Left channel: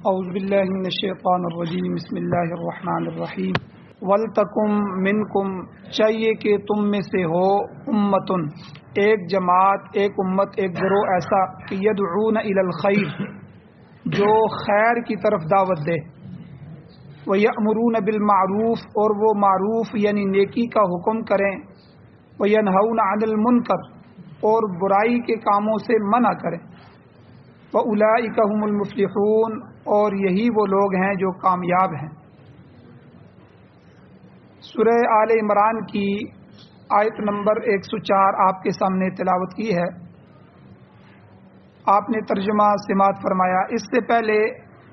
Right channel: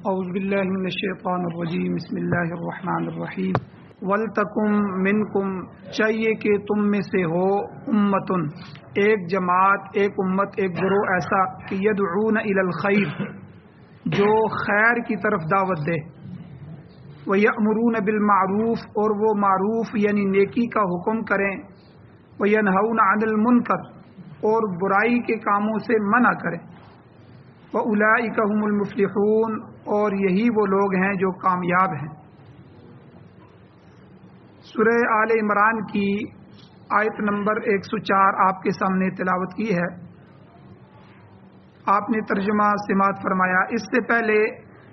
اعوذ باللہ من الشیطان الرجیم بسم اللہ الرحمن الرحیم وَلْتَكُمْ مِنْكُمْ چاہیے کہ تم میں سے ہو امتن ایک جماعت، ایک امت، ایک گروہ ایسا کہ یدعون الی الخیر جو خیر کی طرف دعوت دے، وَيَأْمُرُونَ بِالْمَعْرُوفِ اور وہ معروف یعنی نیکی کا حکم کریں، وَيَنْهَوْنَ عَنِ الْمُنْكَرِ اور برائی کے کاموں سے منع کریں، وَأُولَئِكَ هُمُ الْمُفْلِحُونَ اور یہی وہ لوگ ہیں جو کامیاب ہیں۔ سورہ آل عمران کی آیت نمبر 104 آپ کے سامنے تلاوت کی ہے۔ آپ نے ترجمہ سماعت فرمایا۔ اس سے پہلے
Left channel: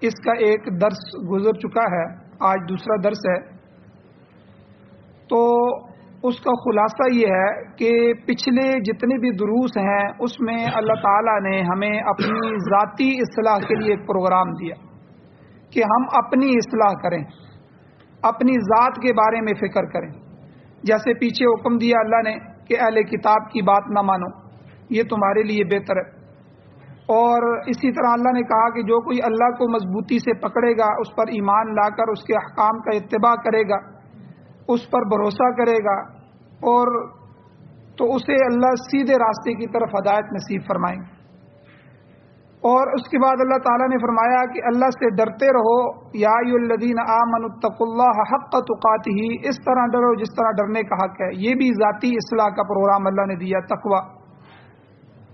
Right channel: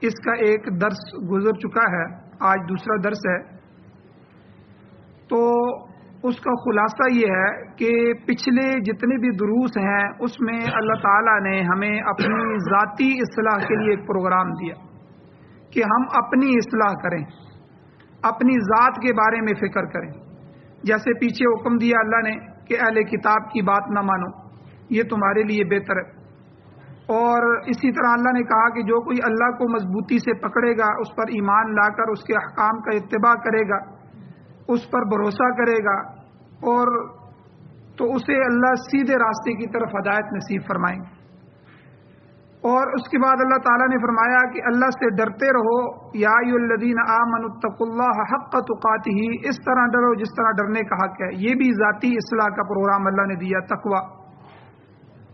اس کا ایک درس گزر چکا ہے، آج دوسرا درس ہے۔ تو اس کا خلاصہ یہ ہے کہ پچھلے جتنے بھی دروس ہیں اس میں اللہ تعالیٰ نے ہمیں اپنی ذاتی اصلاح کے لیے ایک پروگرام دیا کہ ہم اپنی اصلاح کریں، اپنی ذات کے بارے میں فکر کریں۔ جیسے پیچھے حکم دیا اللہ نے کہ اہل کتاب کی بات نہ مانو، یہ تمہارے لیے بہتر ہے۔ اور اسی طرح اللہ نے کہا کہ جو کوئی اللہ کو مضبوطی سے پکڑے گا، اس پر ایمان لا کر اس کے احکام کا اتباع کرے گا، اس پر بھروسہ کرے گا، اور تو اسے اللہ سیدھے راستے کی طرف ہدایت نصیب فرمائیں۔ اور اس کے بعد اللہ تعالیٰ نے فرمایا کہ اللہ سے ڈرتے رہو، یا ایھا الذین آمنوا اتقوا اللہ حق تقاتہ، اس طرح ڈرو جس طرح ڈرنے کا حق ہے۔ یہ بھی ذاتی اصلاح کا پروگرام اللہ نے دیا، تقوی۔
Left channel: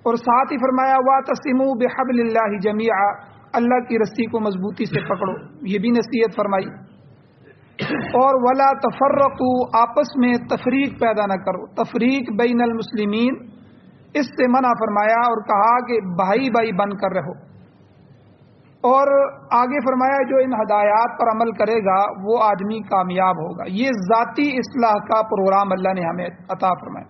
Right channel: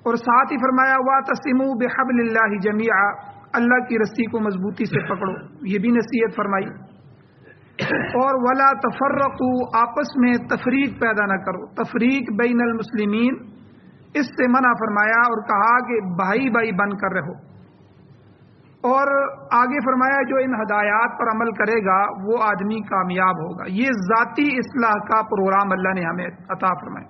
اور ساتھ ہی فرمایا واعتصموا بحبل اللہ جمیعا، اللہ کی رسی کو مضبوطی سے پکڑو، یہ بھی نصیحت فرمائی۔ اور ولا تفرقوا، آپس میں تفریق پیدا نہ کرو، تفریق بین المسلمین، اس سے منع فرمایا اور کہا کہ بھائی بھائی بن کر رہو۔ اور آگے فرمایا جو ان ہدایات پر عمل کرے گا وہ آدمی کامیاب ہوگا۔ یہ ذاتی اصلاح کا پروگرام اللہ نے ہمیں عطا فرمایا۔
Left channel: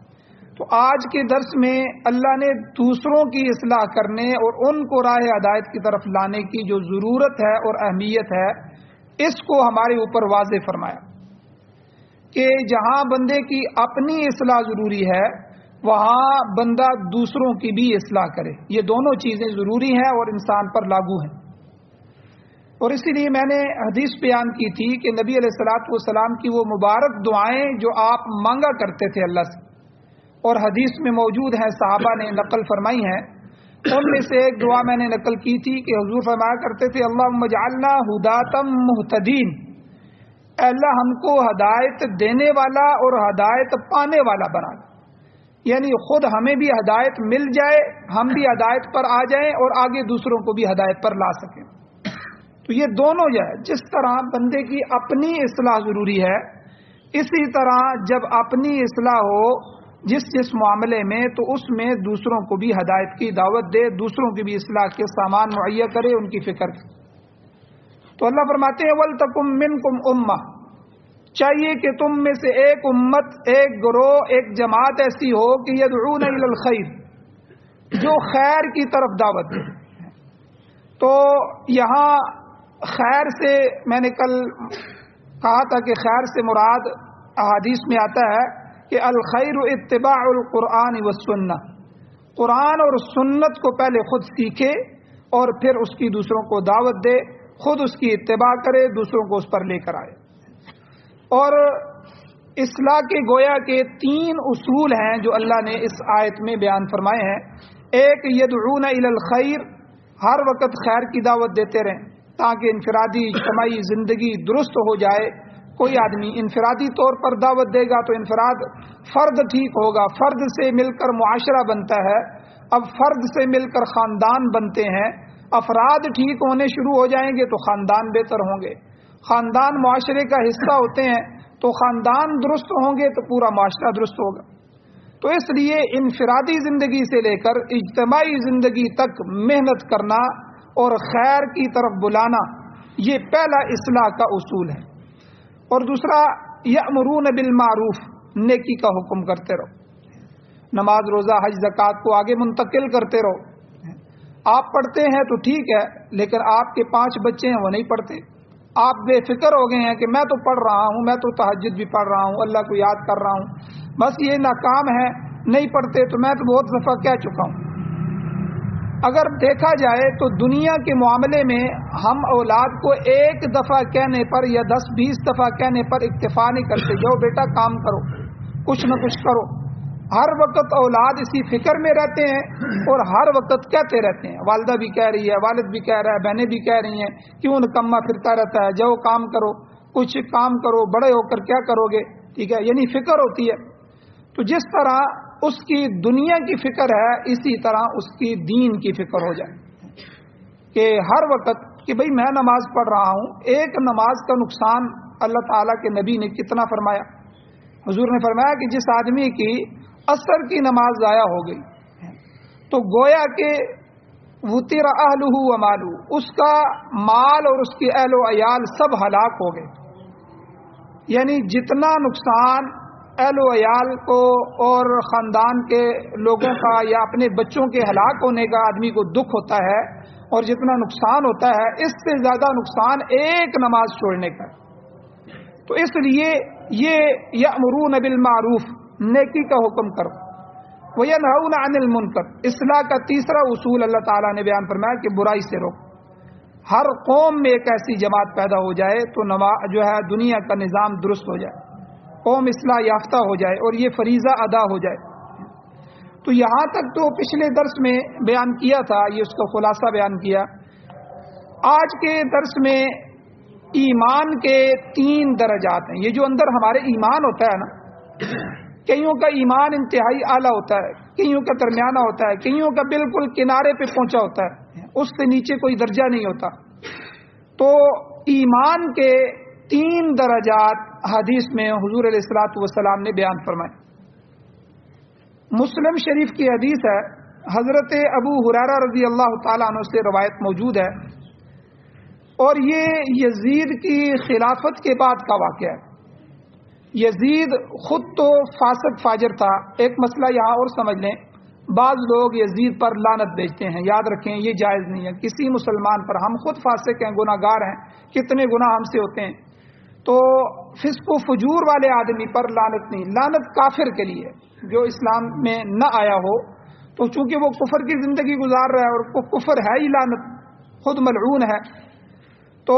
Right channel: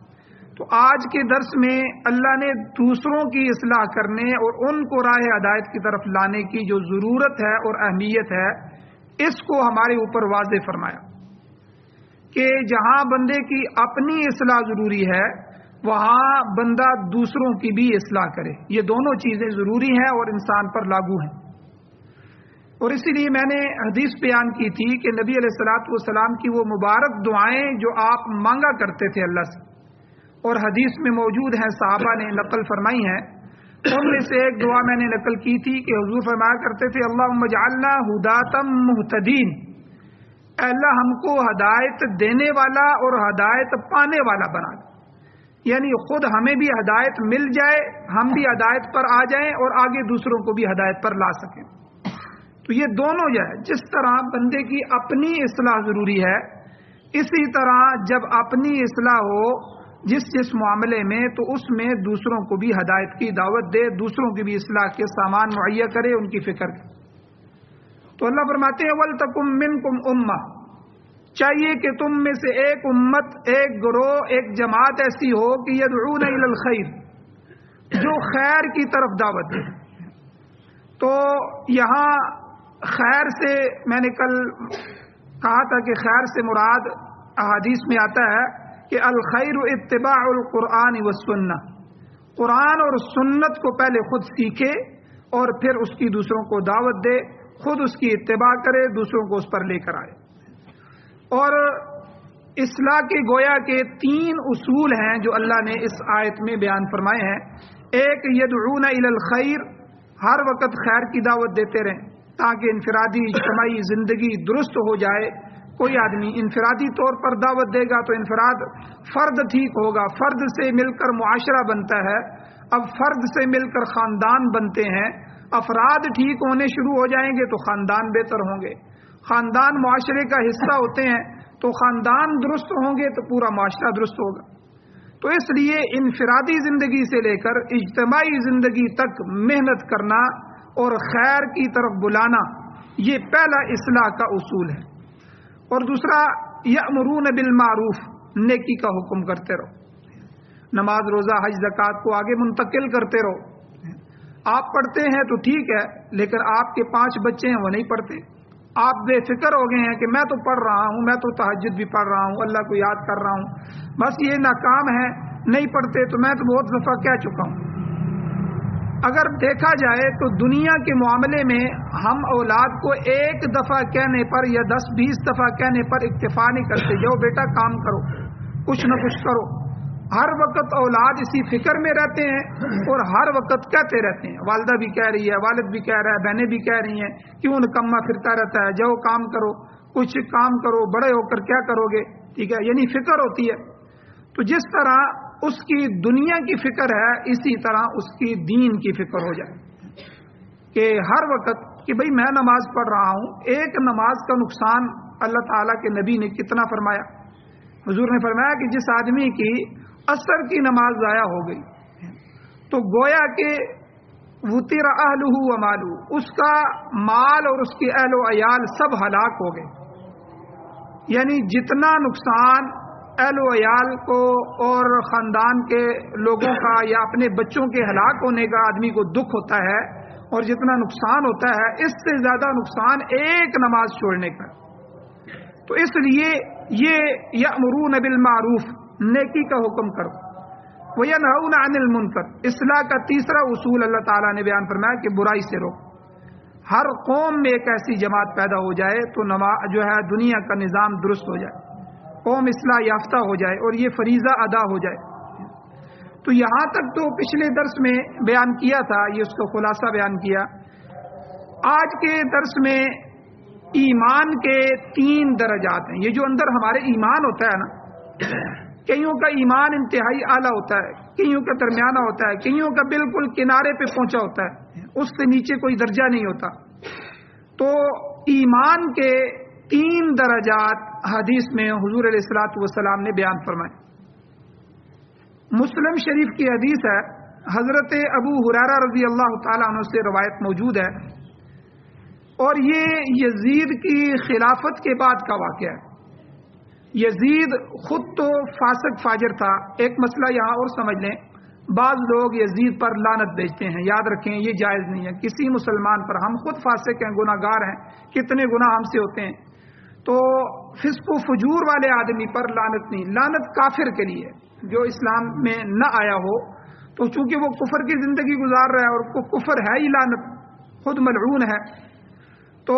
تو آج کے درس میں اللہ نے دوسروں کی اصلاح کرنے اور ان کو راہ ہدایت کی طرف لانے کی جو ضرورت ہے اور اہمیت ہے، اس کو ہمارے اوپر واضح فرمایا کہ جہاں بندے کی اپنی اصلاح ضروری ہے وہاں بندہ دوسروں کی بھی اصلاح کرے۔ یہ دونوں چیزیں ضروری ہیں اور انسان پر لاگو ہیں۔ اور اسی لیے میں نے حدیث بیان کی تھی کہ نبی علیہ الصلوۃ والسلام کی وہ مبارک دعائیں جو آپ مانگا کرتے تھے اللہ سے، اور حدیث میں موجود ہیں، صحابہ نے نقل فرمائی ہیں، ان میں سے ایک دعا میں نے نقل کی تھی کہ حضور فرمایا کرتے تھے اللہم اجعلنا ھداۃ مہتدین، اے اللہ ہم کو ہدایت دینے والا اور ہدایت پانے والا بنا دے، یعنی خود ہمیں بھی ہدایت مل جائے، ہم بھی ہدایت پر آ جائیں اور آگے دوسروں کو بھی ہدایت پر لا سکیں۔ تو یہ دونوں جو ہے، جس طرح بندے کی اپنی اصلاح ضروری ہے، اسی طرح جب اپنی اصلاح ہو جس معاملے میں، تو اس میں دوسروں کو بھی ہدایت کی دعوت دے، دوسروں کی بھی اصلاح کے سامان مہیا کرے، ان کی فکر کرے۔ تو اللہ فرماتے ہیں وَلْتَكُمْ مِنْكُمْ أُمَّةٌ، چاہیے کہ تم میں سے ایک امت، ایک گروہ، ایک جماعت ایسی ہو کہ یدعون الی الخیر، جو خیر کی طرف دعوت دے۔ تو یہاں خیر سے میں نے کل کہا تھا کہ خیر سے مراد احادیث میں آتا ہے کہ الخیر اتباع القرآن والسنہ، قرآن اور سنت کو پہلے خود سیکھے اور پھر اس کی دوسروں کو دعوت دے، خود اس کی اتباع کرے، دوسروں کو اس پر لے کر آئے۔ اور اصلاح کے گویا کے 3 اصول ہیں جو اللہ نے اس آیت میں بیان فرمائے ہیں۔ ایک یدعون الی الخیر، ہر وقت خیر کی دعوت دیتے رہیں تاکہ انفرادی اجتماعی زندگی درست ہو جائے۔ کوئی آدمی انفرادی طور پر دعوت دے گا تو انفراد فرد ٹھیک ہوگا، فرد سے مل کر معاشرہ بنتا ہے، اب فرد سے مل کر خاندان بنتے ہیں، افراد ٹھیک ہونے شروع ہو جائیں گے تو خاندان بہتر ہوں گے، خاندان معاشرے کا حصہ ہوتے ہیں تو خاندان درست ہوں گے تو پورا معاشرہ درست ہوگا۔ تو اس لیے انفرادی زندگی سے لے کر اجتماعی زندگی تک محنت کرنا اور خیر کی طرف بلانا، یہ پہلا اصلاح کا اصول ہے۔ اور دوسرا یأمرون بالمعروف، نیکی کا حکم کرتے رہو، نماز روزہ حج زکوٰۃ کو آگے منتقل کرتے رہو۔ آپ پڑھتے ہیں تو ٹھیک ہے، لیکن آپ کے 5 بچے ہیں وہ نہیں پڑھتے، آپ بے فکر ہو گئے ہیں کہ میں تو پڑھ رہا ہوں، میں تو تہجد بھی پڑھ رہا ہوں، اللہ کو یاد کر رہا ہوں، بس یہ ناکام ہے، نہیں پڑھتے تو میں تو بہت دفعہ کہہ چکا ہوں۔ اگر دیکھا جائے تو دنیا کے معاملے میں ہم اولاد کو ایک دفعہ کہنے پر یا 10-20 دفعہ کہنے پر اکتفا نہیں کرتے، جو بیٹا کام کرو، کچھ نہ کچھ کرو۔ ہر وقت اولاد اسی فکر میں رہتے ہیں اور ہر وقت کہتے رہتے ہیں، والدہ بھی کہہ رہی ہے، والد بھی کہہ رہا ہے، بہنیں بھی کہہ رہی ہیں، کیوں نکما پھرتا رہتا ہے، جاؤ کام کرو، کچھ کام کرو، بڑے ہو کر کیا کرو گے، ٹھیک ہے، یعنی فکر ہوتی ہے۔ تو جس طرح اس کی دنیا کی فکر ہے، اسی طرح اس کی دین کی فکر ہو جائے کہ ہر وقت کہ بھئی میں نماز پڑھ رہا ہوں، ایک نماز کا نقصان اللہ تعالیٰ کے نبی نے کتنا فرمایا؟ حضور نے فرمایا کہ جس آدمی کی عصر کی نماز ضائع ہو گئی تو گویا کہ وطر اہلہ و مالہ، اس کا مال اور اس کی اہل و عیال سب ہلاک ہو گئے، یعنی جتنا نقصان اہل و عیال کو اور خاندان کے لوگوں کا یا اپنے بچوں کے ہلاک ہونے کا آدمی کو دکھ ہوتا ہے اور جتنا نقصان ہوتا ہے، اس سے زیادہ نقصان ایک نماز چھوڑنے کا۔ تو اس لیے یہ یأمرون بالمعروف، نیکی کا حکم کرو، وینہون عن المنکر، اصلاح کا تیسرا اصول اللہ تعالیٰ نے بیان فرمایا کہ برائی سے روکو۔ ہر قوم میں ایک ایسی جماعت پیدا ہو جائے تو جو ہے دنیا کا نظام درست ہو جائے، قوم اصلاح یافتہ ہو جائے اور یہ فریضہ ادا ہو جائے۔ تو یہاں تک تو پچھلے درس میں بیان کیا تھا، یہ اس کا خلاصہ بیان کیا۔ آج کے درس میں ایمان کے 3 درجات ہیں۔ یہ جو اندر ہمارے ایمان ہوتا ہے نا، کئیوں کا ایمان انتہائی اعلیٰ ہوتا ہے، کئیوں کا درمیانہ ہوتا ہے، کئیوں کا بالکل کنارے پہ پہنچا ہوتا ہے، اس سے نیچے کوئی درجہ نہیں ہوتا۔ تو ایمان کے 3 درجات حدیث میں حضور علیہ الصلوۃ والسلام نے بیان فرمائے۔ مسلم شریف کی حدیث ہے، حضرت ابو ہریرہ رضی اللہ تعالیٰ عنہ سے روایت موجود ہے، اور یہ یزید کی خلافت کے بعد کا واقعہ ہے۔ یزید خود تو فاسق فاجر تھا۔ ایک مسئلہ یہاں اور سمجھ لیں، بعض لوگ یزید پر لعنت بھیجتے ہیں، یاد رکھیں یہ جائز نہیں ہے کسی مسلمان پر۔ ہم خود فاسق ہیں، گناہ گار ہیں، کتنے گناہ ہم سے ہوتے ہیں، تو فسق و فجور والے آدمی پر لعنت نہیں، لعنت کافر کے لیے جو اسلام میں نہ آیا ہو، تو چونکہ وہ کفر کی زندگی گزار رہا ہے اور کفر ہے ہی لعنت، خود ملعون ہے۔ تو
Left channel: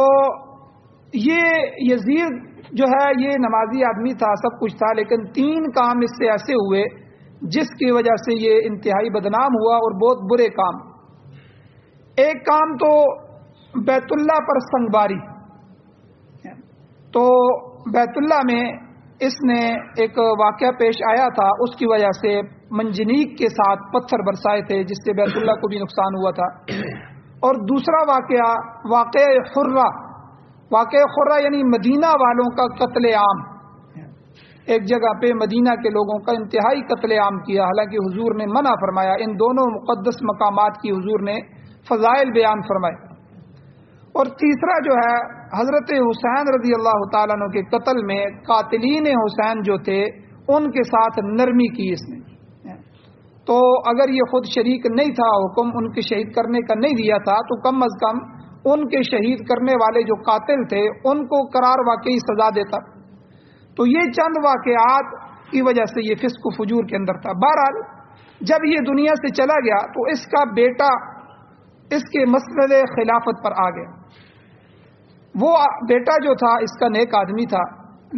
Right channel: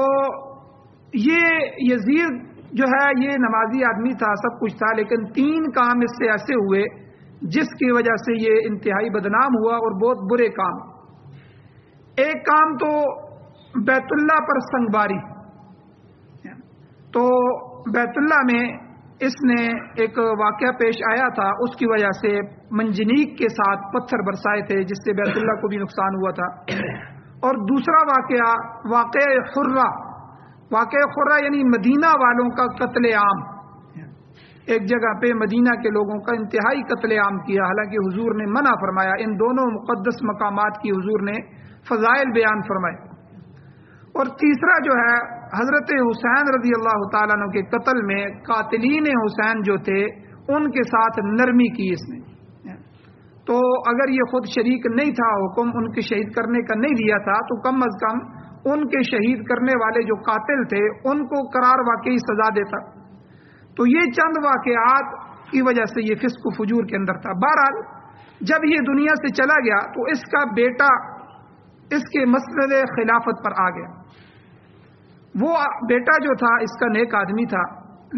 یہ یزید جو ہے یہ نمازی آدمی تھا، سب کچھ تھا، لیکن 3 کام اس سے ایسے ہوئے جس کی وجہ سے یہ انتہائی بدنام ہوا اور بہت برے کام۔ ایک کام تو بیت اللہ پر سنگباری، تو بیت اللہ میں اس نے ایک واقعہ پیش آیا تھا، اس کی وجہ سے منجنیق کے ساتھ پتھر برسائے تھے جس سے بیت اللہ کو بھی نقصان ہوا تھا۔ اور دوسرا واقعہ خرہ یعنی مدینہ والوں کا قتل عام، ایک جگہ پہ مدینہ کے لوگوں کا انتہائی قتل عام کیا، حالانکہ حضور نے منع فرمایا۔ ان دونوں مقدس مقامات کی حضور نے فضائل بیان فرمائے۔ اور تیسرا جو ہے حضرت حسین رضی اللہ تعالیٰ عنہ کے قتل میں قاتلین حسین جو تھے ان کے ساتھ نرمی کی اس نے۔ تو اگر یہ خود شریک نہیں تھا، حکم ان کے شہید کرنے کا نہیں دیا تھا، تو کم از کم ان کے شہید کرنے والے جو قاتل تھے ان کو قرار واقعی سزا دیتا۔ تو یہ چند واقعات کی وجہ سے یہ فسق و فجور کے اندر تھا۔ بہرحال جب یہ دنیا سے چلا گیا تو اس کا بیٹا اس کے مسند خلافت پر آ گیا۔ وہ بیٹا جو تھا اس کا نیک آدمی تھا،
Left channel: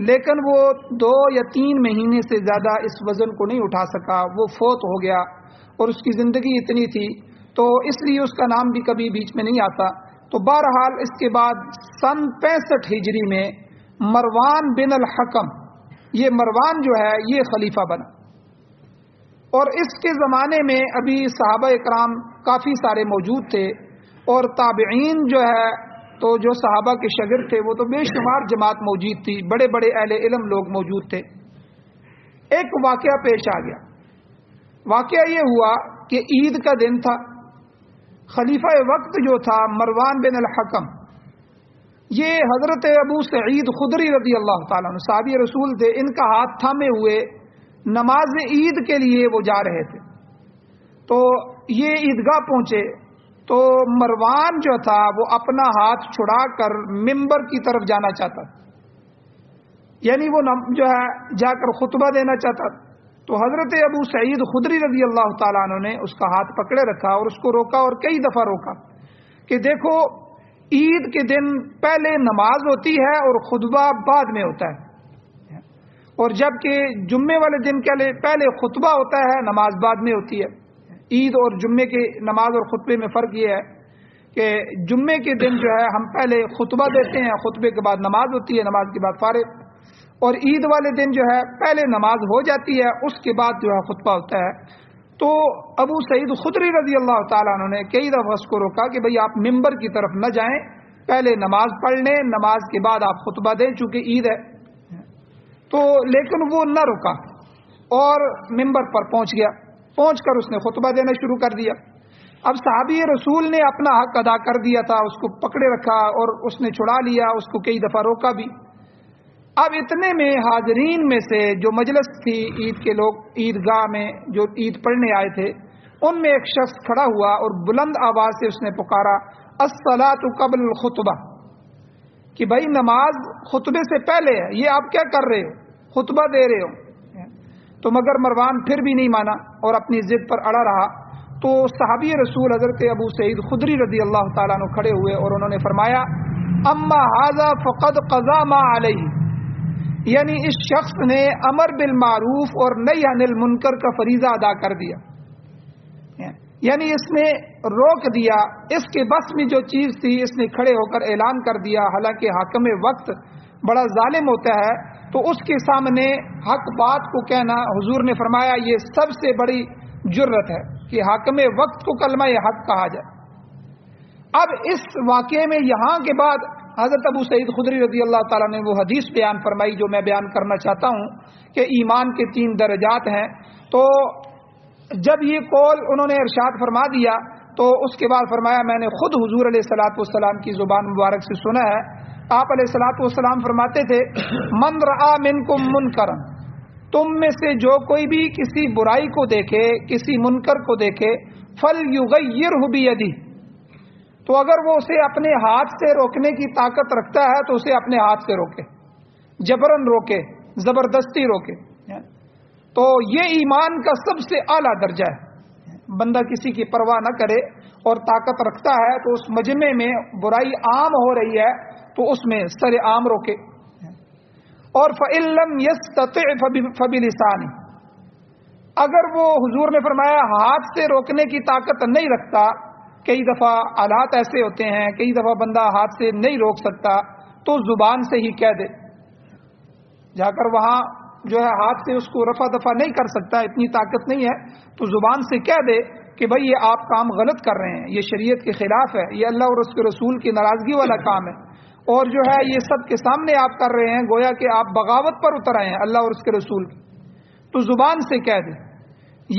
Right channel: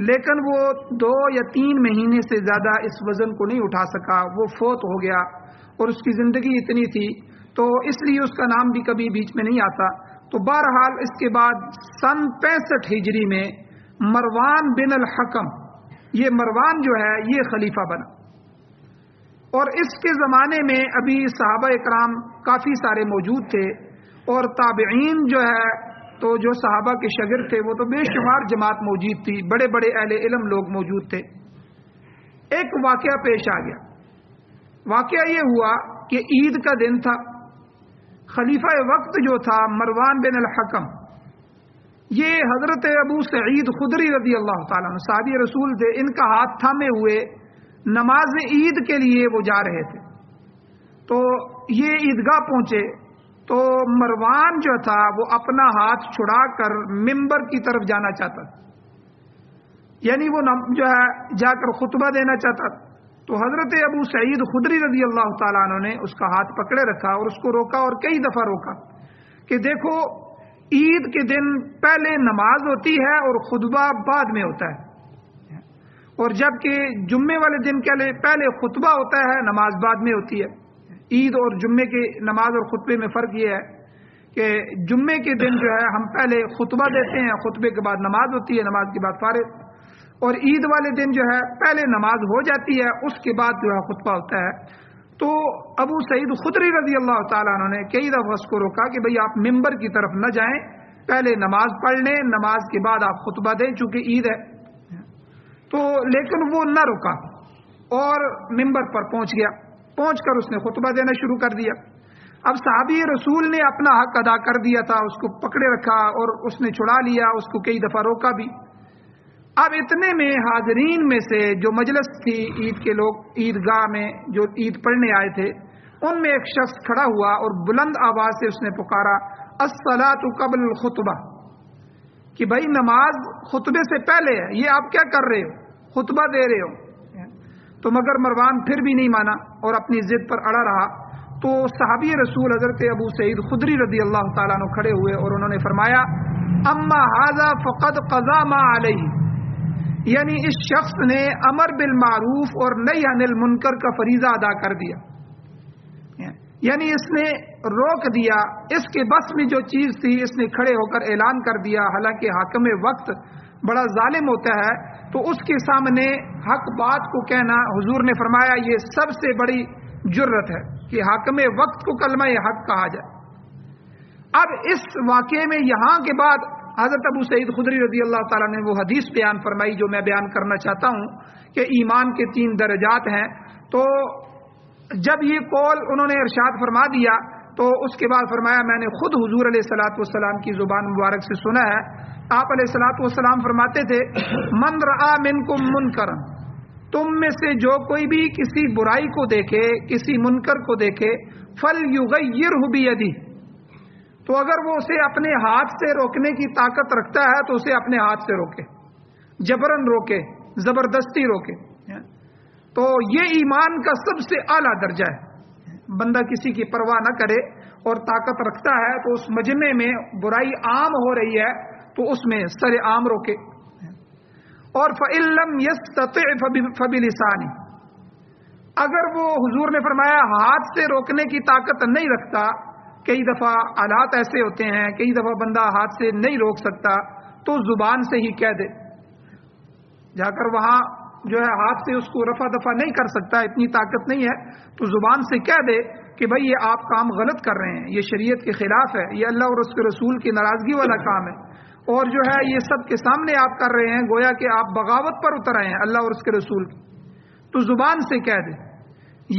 لیکن وہ 2 یا 3 مہینے سے زیادہ اس وزن کو نہیں اٹھا سکا، وہ فوت ہو گیا، اور اس کی زندگی اتنی تھی تو اس لیے اس کا نام بھی کبھی بیچ میں نہیں آتا۔ تو بہرحال اس کے بعد سن 65 ہجری میں مروان بن الحکم، یہ مروان جو ہے یہ خلیفہ بنا، اور اس کے زمانے میں ابھی صحابہ اکرام کافی سارے موجود تھے، اور تابعین جو ہے تو جو صحابہ کے شاگرد تھے وہ تو بے شمار جماعت موجود تھی، بڑے بڑے اہل علم لوگ موجود تھے۔ ایک واقعہ پیش آ گیا۔ واقعہ یہ ہوا کہ عید کا دن تھا، خلیفہ وقت جو تھا مروان بن الحکم، یہ حضرت ابو سعید خدری رضی اللہ تعالیٰ عنہ صحابی رسول تھے، ان کا ہاتھ تھامے ہوئے نماز عید کے لیے وہ جا رہے تھے۔ تو یہ عیدگاہ پہنچے تو مروان جو تھا وہ اپنا ہاتھ چھڑا کر ممبر کی طرف جانا چاہتا تھا، یعنی وہ جو ہے جا کر خطبہ دینا چاہتا تھا۔ تو حضرت ابو سعید خدری رضی اللہ تعالیٰ عنہ نے اس کا ہاتھ پکڑے رکھا اور اس کو روکا اور کئی دفعہ روکا کہ دیکھو عید کے دن پہلے نماز ہوتی ہے اور خطبہ بعد میں ہوتا ہے، اور جبکہ جمعے والے دن کے پہلے خطبہ ہوتا ہے، نماز بعد میں ہوتی ہے۔ عید اور جمعے کے نماز اور خطبے میں فرق یہ ہے کہ جمعے کے دن جو ہے ہم پہلے خطبہ دیتے ہیں، خطبے کے بعد نماز ہوتی ہے، نماز کے بعد فارغ، اور عید والے دن جو ہے پہلے نماز ہو جاتی ہے، اس کے بعد جو ہے خطبہ ہوتا ہے۔ تو ابو سعید خدری رضی اللہ تعالیٰ عنہ نے کئی دفعہ اس کو روکا کہ بھئی آپ ممبر کی طرف نہ جائیں، پہلے نماز پڑھ لیں، نماز کے بعد آپ خطبہ دیں چونکہ عید ہے۔ تو لیکن وہ نہ رکا اور ممبر پر پہنچ گیا، پہنچ کر اس نے خطبہ دینا شروع کر دیا۔ اب صحابی رسول نے اپنا حق ادا کر دیا تھا، اس کو پکڑے رکھا اور اس نے چھڑا لیا، اس کو کئی دفعہ روکا بھی۔ اب اتنے میں حاضرین میں سے جو مجلس تھی عید کے لوگ، عیدگاہ میں جو عید پڑھنے آئے تھے، ان میں ایک شخص کھڑا ہوا اور بلند آواز سے اس نے پکارا الصلاۃ قبل الخطبہ، کہ بھائی نماز خطبے سے پہلے ہے، یہ آپ کیا کر رہے ہو، خطبہ دے رہے ہو۔ تو مگر مروان پھر بھی نہیں مانا اور اپنی ضد پر اڑا رہا۔ تو صحابی رسول حضرت ابو سعید خدری رضی اللہ تعالیٰ عنہ کھڑے ہوئے اور انہوں نے فرمایا اما ھذا فقد قضى ما علیہ، یعنی اس شخص نے امر بالمعروف اور نہی عن المنکر کا فریضہ ادا کر دیا، یعنی اس نے روک دیا، اس کے بس میں جو چیز تھی اس نے کھڑے ہو کر اعلان کر دیا۔ حالانکہ حاکم وقت بڑا ظالم ہوتا ہے، تو اس کے سامنے حق بات کو کہنا، حضور نے فرمایا یہ سب سے بڑی جرت ہے کہ حاکم وقت کو کلمہ حق کہا جائے۔ اب اس واقعے میں یہاں کے بعد حضرت ابو سعید خدری رضی اللہ تعالیٰ نے وہ حدیث بیان فرمائی جو میں بیان کرنا چاہتا ہوں کہ ایمان کے 3 درجات ہیں۔ تو جب یہ قول انہوں نے ارشاد فرما دیا تو اس کے بعد فرمایا میں نے خود حضور علیہ الصلوۃ والسلام کی زبان مبارک سے سنا ہے، آپ علیہ الصلوۃ والسلام فرماتے تھے من رآ منکم منکرا، تم میں سے جو کوئی بھی کسی برائی کو دیکھے، کسی منکر کو دیکھے، فلیغیرہ بیدہ، تو اگر وہ اسے اپنے ہاتھ سے روکنے کی طاقت رکھتا ہے تو اسے اپنے ہاتھ سے روکے، جبرن روکے، زبردستی روکے۔ تو یہ ایمان کا سب سے اعلیٰ درجہ ہے، بندہ کسی کی پرواہ نہ کرے اور طاقت رکھتا ہے تو اس مجمع میں برائی عام ہو رہی ہے تو اس میں سر عام روکے۔ اور فَإِن لَّمْ يَسْتَطِعْ فَبِلِسَانِهِ، اگر وہ حضور نے فرمایا ہاتھ سے روکنے کی طاقت نہیں رکھتا، کئی دفعہ حالات ایسے ہوتے ہیں، کئی دفعہ بندہ ہاتھ سے نہیں روک سکتا تو زبان سے ہی کہہ دے، جا کر وہاں جو ہے ہاتھ سے اس کو رفع دفع نہیں کر سکتا، اتنی طاقت نہیں ہے، تو زبان سے کہہ دے کہ بھئی یہ آپ کام غلط کر رہے ہیں، یہ شریعت کے خلاف ہے، یہ اللہ اور اس کے رسول کی ناراضگی والا کام ہے، اور جو ہے یہ سب کے سامنے آپ کر رہے ہیں، گویا کہ آپ بغاوت پر اتر آئے ہیں اللہ اور اس کے رسول، تو زبان سے کہہ دے۔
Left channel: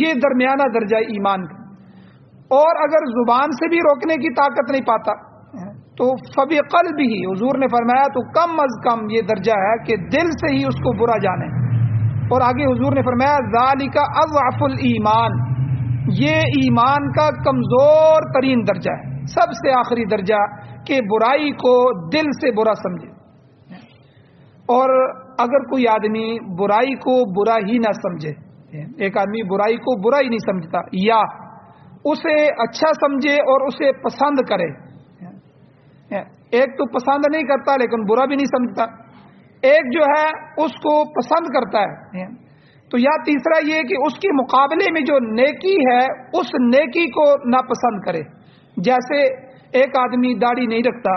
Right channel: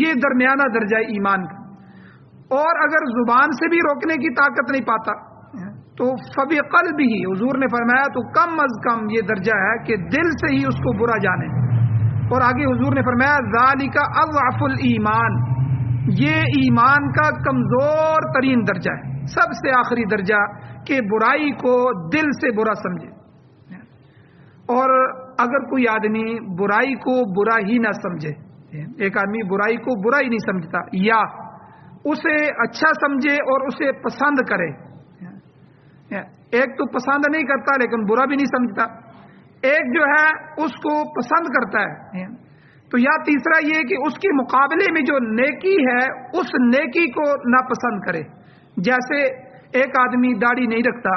یہ درمیانہ درجہ ایمان کا۔ اور اگر زبان سے بھی روکنے کی طاقت نہیں پاتا تو فبقلبہ، حضور نے فرمایا تو کم از کم یہ درجہ ہے کہ دل سے ہی اس کو برا جانے۔ اور آگے حضور نے فرمایا ذالک اضعف الایمان، یہ ایمان کا کمزور ترین درجہ ہے، سب سے آخری درجہ کہ برائی کو دل سے برا سمجھے۔ اور اگر کوئی آدمی برائی کو برا ہی نہ سمجھے، ایک آدمی برائی کو برا ہی نہیں سمجھتا، یا اسے اچھا سمجھے اور اسے پسند کرے، ایک تو پسند نہیں کرتا لیکن برا بھی نہیں سمجھتا، ایک جو ہے اس کو پسند کرتا ہے، تو یا تیسرا یہ کہ اس کے مقابلے میں جو نیکی ہے اس نیکی کو ناپسند کرے۔ جیسے ایک آدمی داڑھی نہیں رکھتا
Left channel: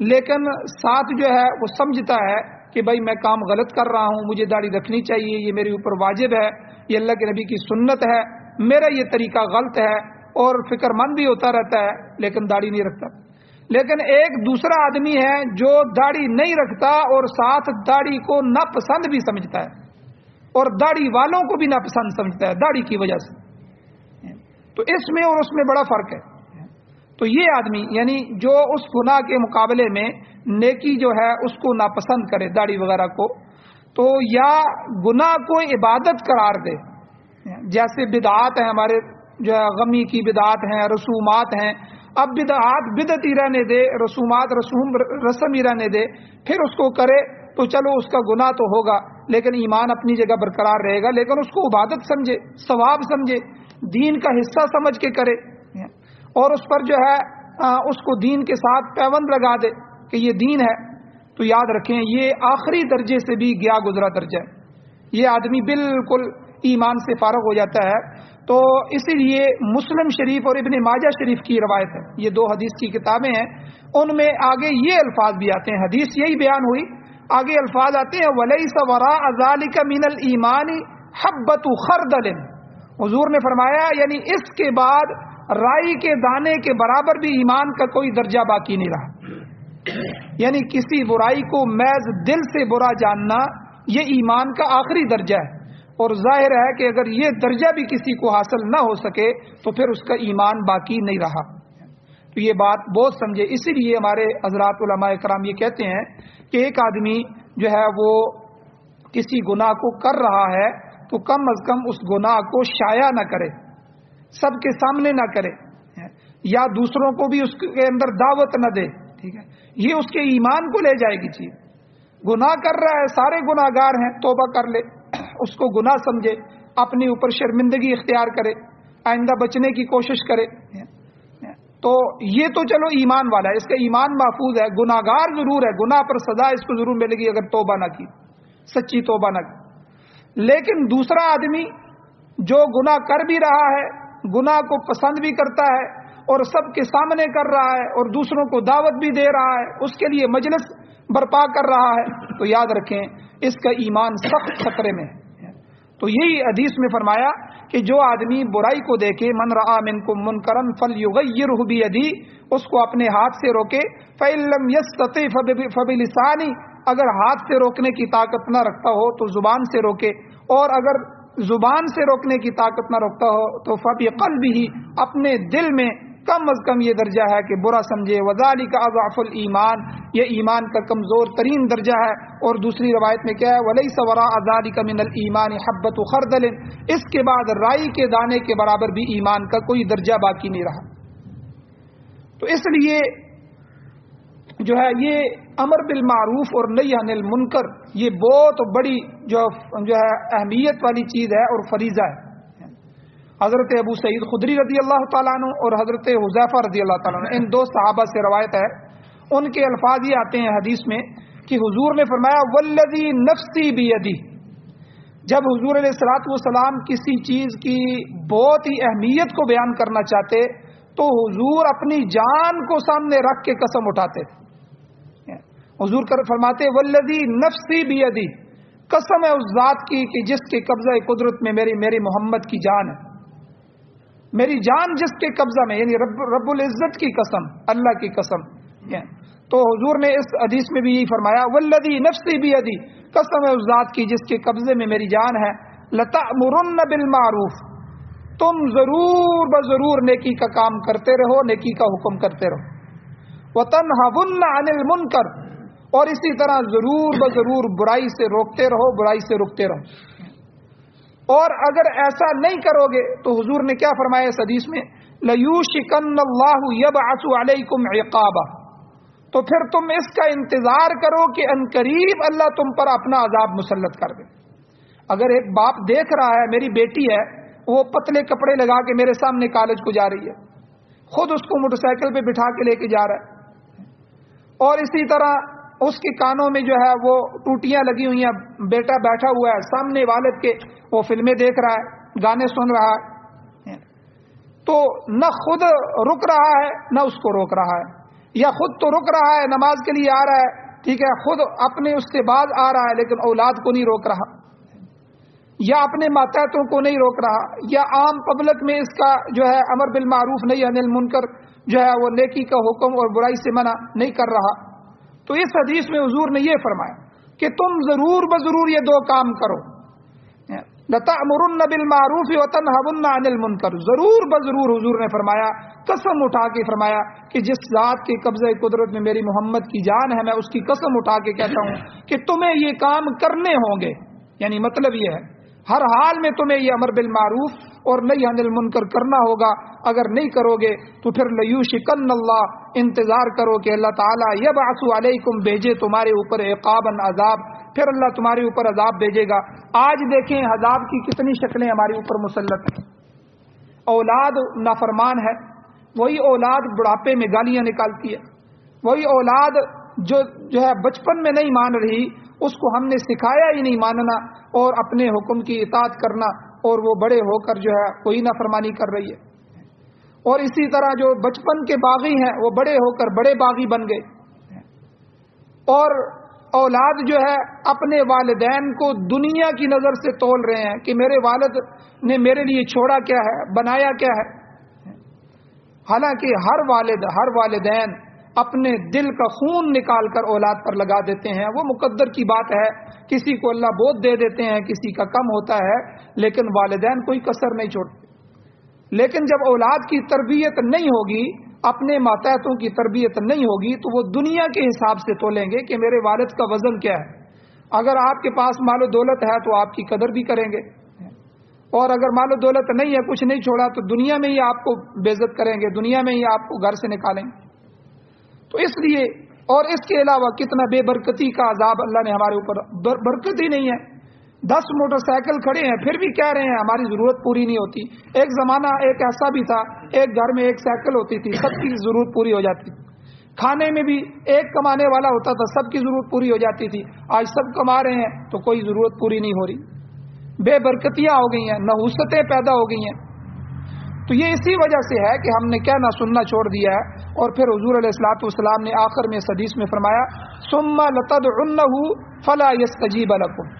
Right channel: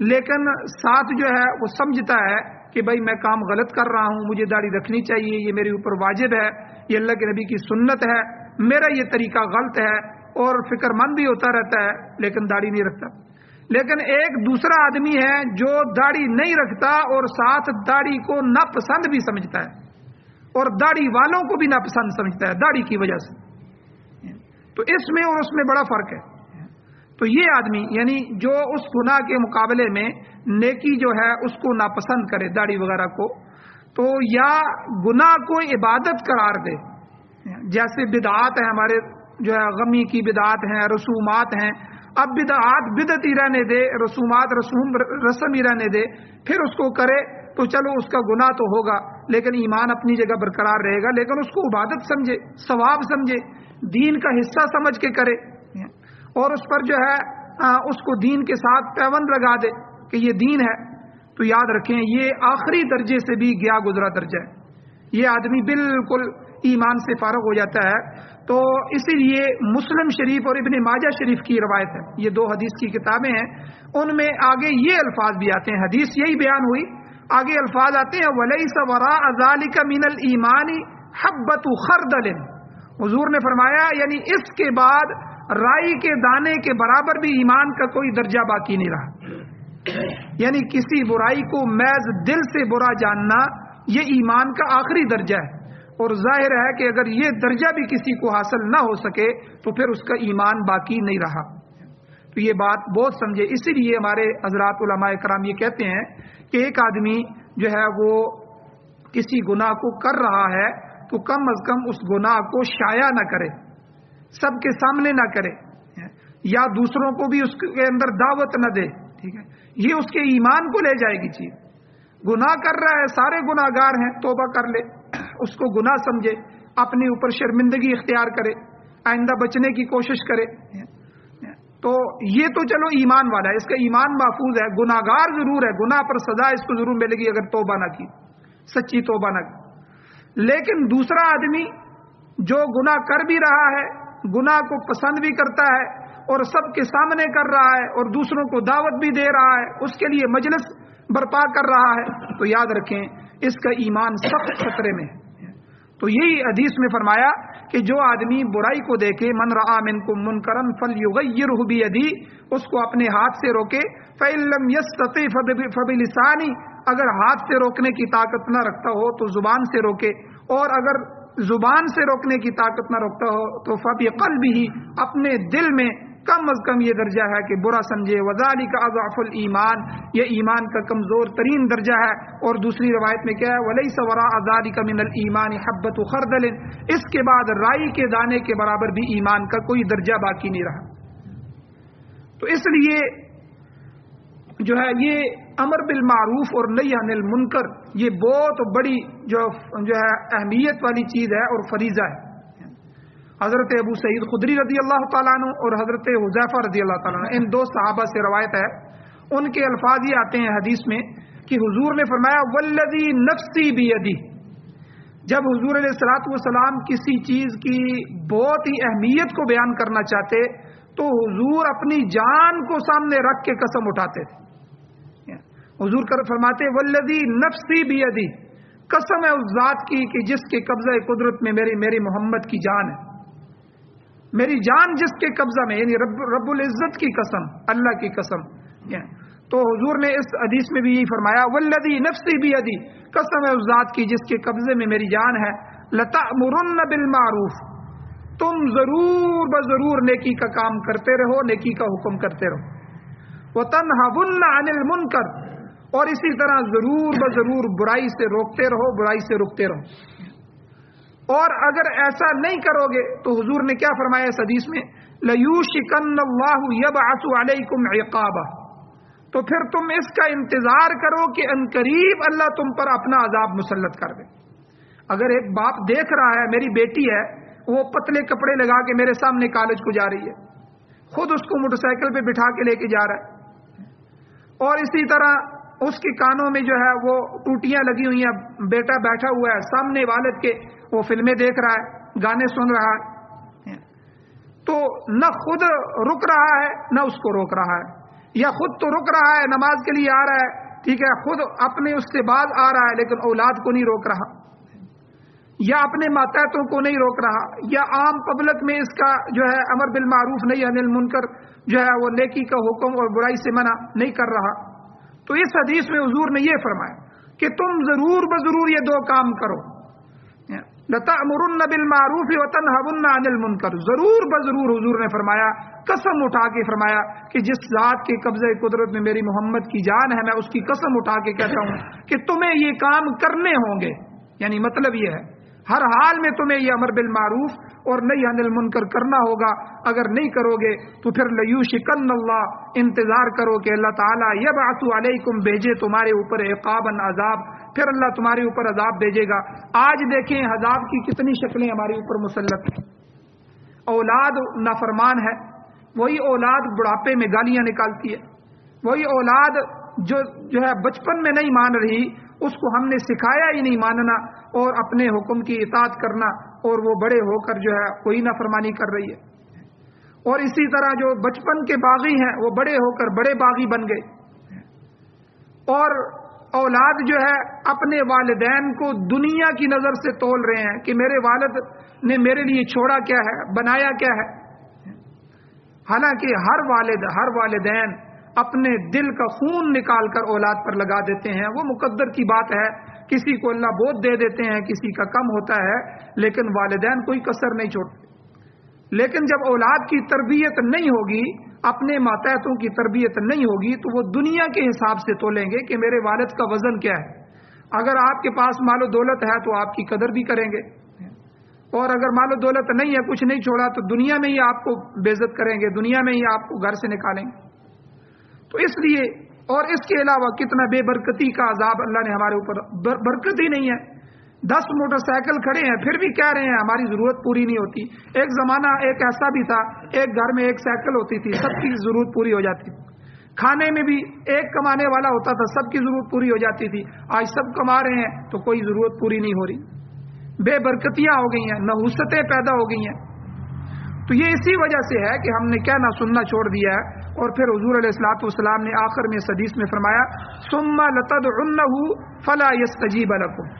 لیکن ساتھ جو ہے وہ سمجھتا ہے کہ بھائی میں کام غلط کر رہا ہوں، مجھے داڑھی رکھنی چاہیے، یہ میرے اوپر واجب ہے، یہ اللہ کے نبی کی سنت ہے، میرا یہ طریقہ غلط ہے، اور فکر مند بھی ہوتا رہتا ہے لیکن داڑھی نہیں رکھتا۔ لیکن ایک دوسرا آدمی ہے جو داڑھی نہیں رکھتا اور ساتھ داڑھی کو ناپسند بھی سمجھتا ہے اور داڑھی والوں کو بھی ناپسند سمجھتا ہے داڑھی کی وجہ سے، تو اس میں اور اس میں بڑا فرق ہے۔ تو یہ آدمی یعنی جو اس گناہ کے مقابلے میں نیکی جو ہے اس کو ناپسند کرے، داڑھی وغیرہ کو، تو یا گناہ کو عبادت قرار دے، جیسے بدعات ہیں ہمارے جو ہے غمی کی بدعات ہیں، رسومات ہیں، اب بدعات بدعت ہی رہنے دے، رسومات رسم ہی رہنے دے، پھر اس کو کرے تو چلو اس کا گناہ تو ہوگا، لیکن ایمان اپنی جگہ برقرار رہے گا، لیکن اس کو عبادت سمجھے، ثواب سمجھے، دین کا حصہ سمجھ کے کرے، اور اس پر جو ہے اس کو دین کے ساتھ پیوند لگا دے کہ یہ دین ہے، تو یاد رکھیں یہ آخری درجے سے بھی گیا گزرا درجہ ہے، یہ آدمی بالکل ایمان سے فارغ ہو جاتا ہے۔ تو اسی لیے مسلم شریف اور ابن ماجہ شریف کی روایت ہے، یہ دو حدیث کی کتابیں ہیں، ان میں آگے یہ الفاظ بھی آتے ہیں، حدیث یہی بیان ہوئی، آگے الفاظ آتے ہیں وَلَيْسَ وَرَاءَ ذَلِكَ مِنَ الْإِيمَانِ حَبَّةُ خَرْدَلٍ، حضور نے فرمایا یعنی اس کے بعد رائی کے دانے کے برابر بھی ایمان کا کوئی درجہ باقی نہیں رہا، یعنی کسی برائی کو محض دل سے برا جاننا یہ ایمان کا آخری درجہ ہے، اور ظاہر ہے کہ اگر یہ درجہ بھی کسی کو حاصل نہ ہو سکے تو پھر اس کا ایمان باقی نہیں رہا۔ تو یہ بات بہت سمجھے، اسی لیے ہمارے حضرات علماء کرام یہ کہتے ہیں کہ ایک آدمی جو ہے وہ کسی گناہ کو کر رہا ہے تو کم از کم اس گناہ کو شائع نہ کرے، سب کے سامنے نہ کرے، یا دوسروں کو بھی اس کے اندر دعوت نہ دے، ٹھیک ہے، یہ اس کے ایمان کو لے جائے گی چیز۔ گناہ کر رہا ہے، سارے گناہ گار ہیں، توبہ کر لے، اس کو گناہ سمجھے، اپنے اوپر شرمندگی اختیار کرے، آئندہ بچنے کی کوشش کرے، تو یہ تو چلو ایمان والا ہے، اس کا ایمان محفوظ ہے، گناہ گار ضرور ہے، گناہ پر سزا اس کو ضرور ملے گی اگر توبہ نہ کی، سچی توبہ نہ کی۔ لیکن دوسرا آدمی جو گناہ کر بھی رہا ہے، گناہ کو پسند بھی کرتا ہے اور سب کے سامنے کر رہا ہے اور دوسروں کو دعوت بھی دے رہا ہے، اس کے لیے مجلس برپا کر رہا ہے، تو یاد رکھیں اس کا ایمان سخت خطرے میں ہے۔ تو یہی حدیث میں فرمایا کہ جو آدمی برائی کو دیکھے، من رآ منکم منکرا فلیغیرہ بیدی، اس کو اپنے ہاتھ سے روکے، فإن لم یستطع فبلسانی، اگر ہاتھ سے روکنے کی طاقت نہ رکھتا ہو تو زبان سے روکے، اور اگر زبان سے روکنے کی طاقت نہ رکھتا ہو تو فبقلبہ، اپنے دل میں کم از کم یہ درجہ ہے کہ برا سمجھے، وذالک اضعف الایمان، یہ ایمان کا کمزور ترین درجہ ہے۔ اور دوسری روایت میں کیا ہے، ولیس وراء ذلک من الایمان حبۃ خردل، اس کے بعد رائی کے دانے کے برابر بھی ایمان کا کوئی درجہ باقی نہیں رہا۔ تو اس لیے جو ہے یہ امر بالمعروف اور نہی عن المنکر یہ بہت بڑی جو ہے اہمیت والی چیز ہے اور فریضہ ہے۔ حضرت ابو سعید خدری رضی اللہ تعالیٰ عنہ اور حضرت حذیفہ رضی اللہ تعالیٰ عنہ، ان دو صحابہ سے روایت ہے، ان کے الفاظ یہ آتے ہیں حدیث میں کہ حضور نے فرمایا والذی نفسی بیدی، جب حضور علیہ الصلوۃ والسلام کسی چیز کی بہت ہی اہمیت کو بیان کرنا چاہتے تو حضور اپنی جان کو سامنے رکھ کے قسم اٹھاتے، حضور فرماتے والذی نفسی بیدی، قسم ہے اس ذات کی کہ جس کے قبضہ قدرت میں میری محمد کی جان ہے، میری جان جس کے قبضہ میں، یعنی رب العزت کی قسم، اللہ کی قسم۔ تو حضور نے اس حدیث میں بھی یہی فرمایا والذی نفسی بیدی، قسم ہے اس ذات کی جس کے قبضے میں میری جان ہے، لتأمرن بالمعروف، تم ضرور بضرور نیکی کا کام کرتے رہو، نیکی کا حکم کرتے رہو، وتنہون عن المنکر، اور اسی طرح ضرور بضرور برائی سے روکتے رہو، برائی سے رکتے رہو۔ اور اگر ایسا نہیں کرو گے تو حضور نے کیا فرمایا اس حدیث میں، لَيُوشِكَنَّ اللَّهُ يَبْعَثُ عَلَيْكُمْ عِقَابًا، تو پھر تم اس کا انتظار کرو کہ عنقریب اللہ تم پر اپنا عذاب مسلط کر دے۔ اگر ایک باپ دیکھ رہا ہے میری بیٹی ہے وہ پتلے کپڑے لگا کے میرے سامنے کالج کو جا رہی ہے، خود اس کو موٹر سائیکل پہ بٹھا کے لے کے جا رہا ہے، اور اسی طرح اس کے کانوں میں جو ہے وہ ٹوٹیاں لگی ہوئی ہیں، بیٹا بیٹھا ہوا ہے سامنے والد کے، وہ فلمیں دیکھ رہا ہے، گانے سن رہا ہے، تو نہ خود رک رہا ہے نہ اس کو روک رہا ہے، یا خود تو رک رہا ہے نماز کے لیے آ رہا ہے، ٹھیک ہے، خود اپنے اس سے باز آ رہا ہے لیکن اولاد کو نہیں روک رہا، یا اپنے ماتحتوں کو نہیں روک رہا، یا عام پبلک میں اس کا جو ہے امر بالمعروف نہی عن المنکر جو ہے وہ نیکی کا حکم اور برائی سے منع نہیں کر رہا۔ تو اس حدیث میں حضور نے یہ فرمایا کہ تم ضرور بضرور یہ دو کام کرو، لَتَأْمُرُنَّ بِالْمَعْرُوفِ وَتَنْهَوْنَ عَنِ الْمُنْكَرِ، ضرور بضرور حضور نے فرمایا، قسم اٹھا کے فرمایا کہ جس ذات کے قبضہ قدرت میں میری محمد کی جان ہے، میں اس کی قسم اٹھا کے کہتا ہوں کہ تمہیں یہ کام کرنے ہوں گے، یعنی مطلب یہ ہے ہر حال میں تمہیں یہ امر بالمعروف اور نہی عن المنکر کرنا ہوگا. اگر نہیں کرو گے تو پھر لیوشکن اللہ, انتظار کرو کہ اللہ تعالیٰ یبعث علیکم, بھیجے تمہارے اوپر عقابا, عذاب, پھر اللہ تمہارے اوپر عذاب بھیجے گا. آج دیکھیں عذاب کی کتنی شکلیں ہمارے اوپر مسلط ہیں. اولاد نافرمان ہے, وہی اولاد بڑھاپے میں گالیاں نکالتی ہے, وہی اولاد جو ہے بچپن میں نہیں مان رہی, اس کو ہم نے سکھایا ہی نہیں ماننا اور اپنے حکم کی اطاعت کرنا, اور وہ بڑے ہو کر جو ہے کوئی نافرمانی کر رہی ہے. اور اسی طرح جو بچپن کے باغی ہیں وہ بڑے ہو کر بڑے باغی بن گئے. اور اولاد جو ہے اپنے والدین کو دنیا کی نظر سے تول رہے ہیں کہ میرے والد نے میرے لیے چھوڑا کیا ہے, بنایا کیا ہے. حالانکہ ہر والدین اپنے دل کا خون نکال کر اولاد پر لگا دیتے ہیں. وہ مقدر کی بات ہے, کسی کو اللہ بہت دے دیتے ہیں, کسی کا کم ہوتا ہے, لیکن والدین کوئی کسر نہیں چھوڑتے. لیکن جب اولاد کی تربیت نہیں ہوگی, اپنے ماتحتوں کی تربیت نہیں ہوگی, تو وہ دنیا کے حساب سے تولیں گے کہ میرے والد کا وزن کیا ہے. اگر آپ کے پاس مال و دولت ہے تو آپ کی قدر بھی کریں گے, اور اگر مال و دولت نہیں ہے, کچھ نہیں چھوڑا, تو دنیا میں ہی آپ کو بے عزت کریں گے, دنیا میں ہی آپ کو گھر سے نکالیں گے. تو اس لیے, اور اس کے علاوہ کتنا بے برکتی کا عذاب اللہ نے ہمارے اوپر, برکت ہی نہیں ہے. 10 موٹر سائیکل کھڑے ہیں پھر بھی کہہ رہے ہیں ہماری ضرورت پوری نہیں ہوتی. ایک زمانہ ایک ایسا بھی تھا, ایک گھر میں ایک سائیکل ہوتی تھی, سب کی ضرورت پوری ہو جاتی. کھانے میں بھی ایک کمانے والا ہوتا تھا, سب کی ضرورت پوری ہو جاتی تھی. آج سب کما رہے ہیں تو کوئی ضرورت پوری نہیں ہو رہی. بے برکتیاں ہو گئی ہیں, نحوستیں پیدا ہو گئی ہیں. تو یہ اسی وجہ سے ہے کہ ہم نے کیا نہ سننا چھوڑ دیا ہے. اور پھر حضور علیہ الصلوۃ والسلام نے آخر میں اس حدیث میں فرمایا, ثم لتدعنہ فلا یستجیب لکم.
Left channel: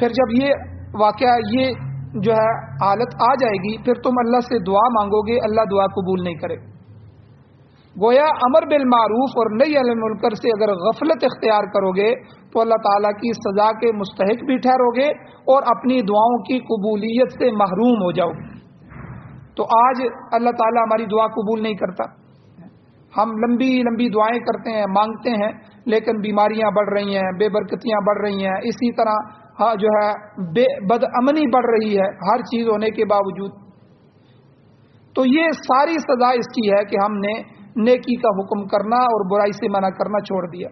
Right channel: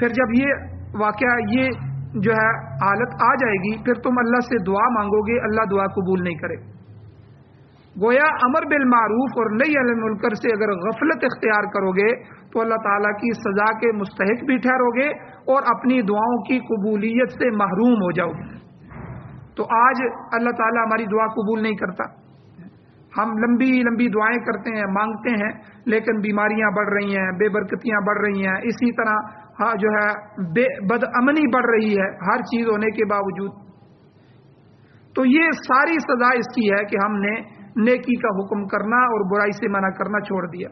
پھر جب یہ واقعہ, یہ جو ہے حالت آ جائے گی, پھر تم اللہ سے دعا مانگو گے, اللہ دعا قبول نہیں کرے. گویا امر بالمعروف اور نہی عن المنکر سے اگر غفلت اختیار کرو گے تو اللہ تعالیٰ کی سزا کے مستحق بھی ٹھہرو گے اور اپنی دعاؤں کی قبولیت سے محروم ہو جاؤ. تو آج اللہ تعالیٰ ہماری دعا قبول نہیں کرتا. ہم لمبی لمبی دعائیں کرتے ہیں, مانگتے ہیں, لیکن بیماریاں بڑھ رہی ہیں, بے برکتیاں بڑھ رہی ہیں, اسی طرح جو ہے بد امنی بڑھ رہی ہے, ہر چیز ہونے کے باوجود. تو یہ ساری سزا اس کی ہے کہ ہم نے نیکی کا حکم کرنا اور برائی سے منع کرنا چھوڑ دیا.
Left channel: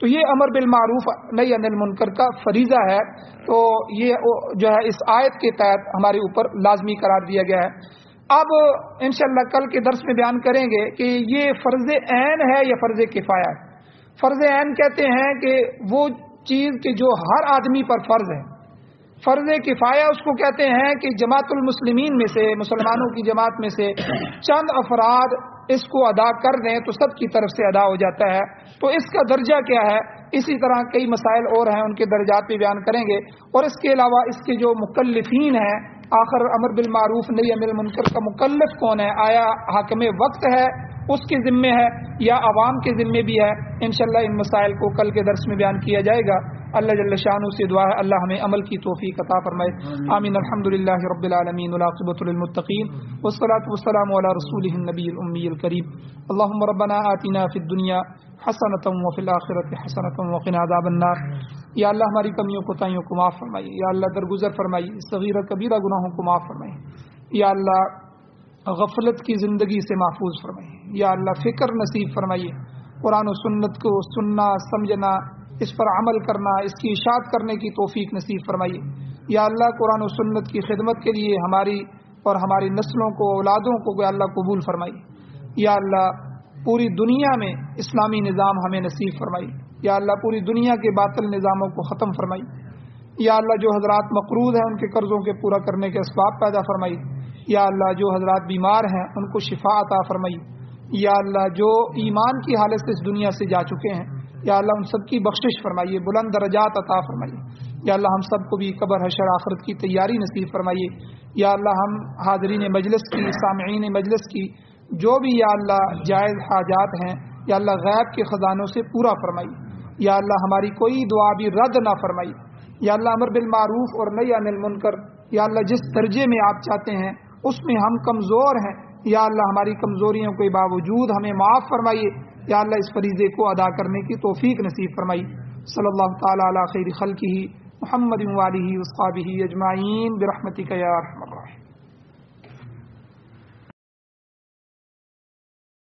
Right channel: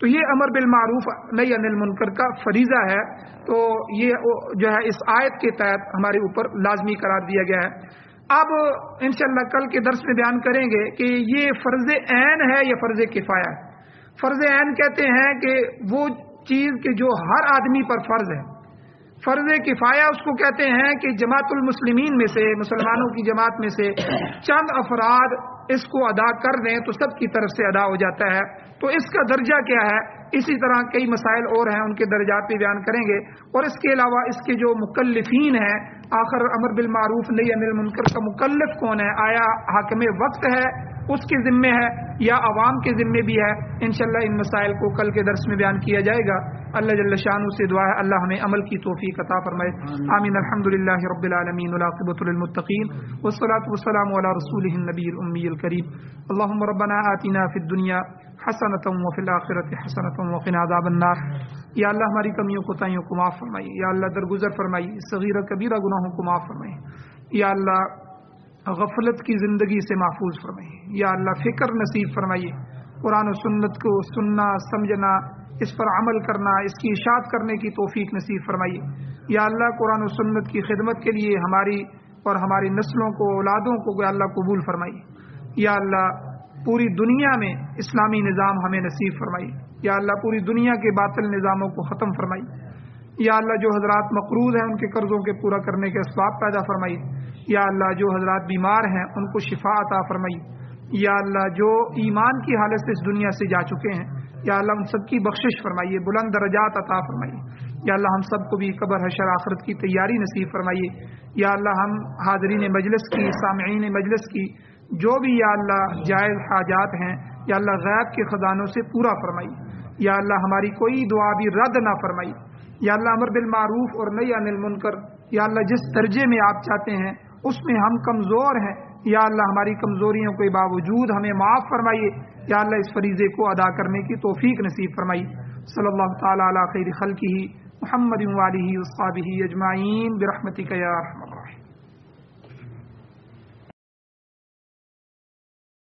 تو یہ امر بالمعروف نہی عن المنکر کا فریضہ ہے. تو یہ جو ہے اس آیت کے تحت ہمارے اوپر لازمی قرار دیا گیا ہے. اب انشاءاللہ کل کے درس میں بیان کریں گے کہ یہ فرض عین ہے یا فرض کفایہ ہے. فرض عین کہتے ہیں کہ وہ چیز کہ جو ہر آدمی پر فرض ہے. فرض کفایہ اس کو کہتے ہیں کہ جماعت المسلمین میں سے, مسلمانوں کی جماعت میں سے چند افراد اس کو ادا کر دیں تو سب کی طرف سے ادا ہو جاتا ہے. تو اس کا درجہ کیا ہے, اسی طرح کئی مسائل اور ہیں, ان کے درجات بھی بیان کریں گے. اور اس کے علاوہ اس کے جو مکلفین ہیں, آخر امر بالمعروف نہی عن المنکر کا مکلف کون ہے, آیا حاکم وقت ہے اس کے ذمے ہے یا عوام کے ذمے بھی ہے. انشاءاللہ ان مسائل کو کل کے درس میں بیان کیا جائے گا. اللہ جل شانہ سے دعا ہے اللہ ہمیں عمل کی توفیق عطا فرمائے. آمین. الحمدللہ رب العالمین والعاقبۃ للمتقین والصلاۃ والسلام علی رسولہ النبی الامی الکریم. اللهم ربنا آتنا فی الدنیا حسنۃ وفی الآخرۃ حسنۃ وقنا عذاب النار. یا اللہ ہماری کمیوں کوتاہیوں کو معاف فرمائیے. یا اللہ درگزر فرمائیے, صغیرہ کبیرہ گناہوں کو معاف فرمائیے. یا اللہ غفلت کی زندگی سے محفوظ فرمائیے. یا اللہ فکر نصیب فرمائیے, قرآن و سنت کو سننا, سمجھنا, اس پر عمل کرنا, اس کی اشاعت کرنے کی توفیق نصیب فرمائیے. یا اللہ قرآن و سنت کی خدمت کے لیے ہماری اور ہماری نسلوں کو, اولادوں کو یا اللہ قبول فرمائیے. یا اللہ پوری دنیا میں اسلامی نظام ہمیں نصیب فرمائیے. یا اللہ پوری دنیا کے باطل نظاموں کو ختم فرمائیے. یا اللہ جو حضرات مقروض ہیں ان کے قرضوں کے پورا کرنے کے اسباب پیدا فرمائیے. یا اللہ جو حضرات بیمار ہیں ان کو شفا عطا فرمائیے. یا اللہ جو ایمان کی حالت سے اس دنیا سے جا چکے ہیں, یا اللہ ان سب کی بخشش فرمائیے, بلند درجات عطا فرمائیے. یا اللہ ہم سب کو بھی قبر حشر آخرت کی تیاری نصیب فرمائیے. یا اللہ ہم حاضرین مجلس کی, سامعین مجلس کی جو بھی یا اللہ جائز حاجات ہیں, یا اللہ غیب کے خزانوں سے پورا فرمائیے. یا اللہ ہماری کوئی دعا بھی رد نہ فرمائیے. یا اللہ امر بالمعروف اور نہی عن المنکر, یا اللہ جس درجے میں آپ چاہتے ہیں اس میں ہم کمزور ہیں, یا اللہ ہماری کمزوریوں کے باوجود ہمیں معاف فرمائیے. یا اللہ اس فریضے کو ادا کرنے کی توفیق نصیب فرمائیے. صلی اللہ تعالی علی خیر خلقہ محمد وآلہ وصحبہ اجمعین برحمتک یا ارحم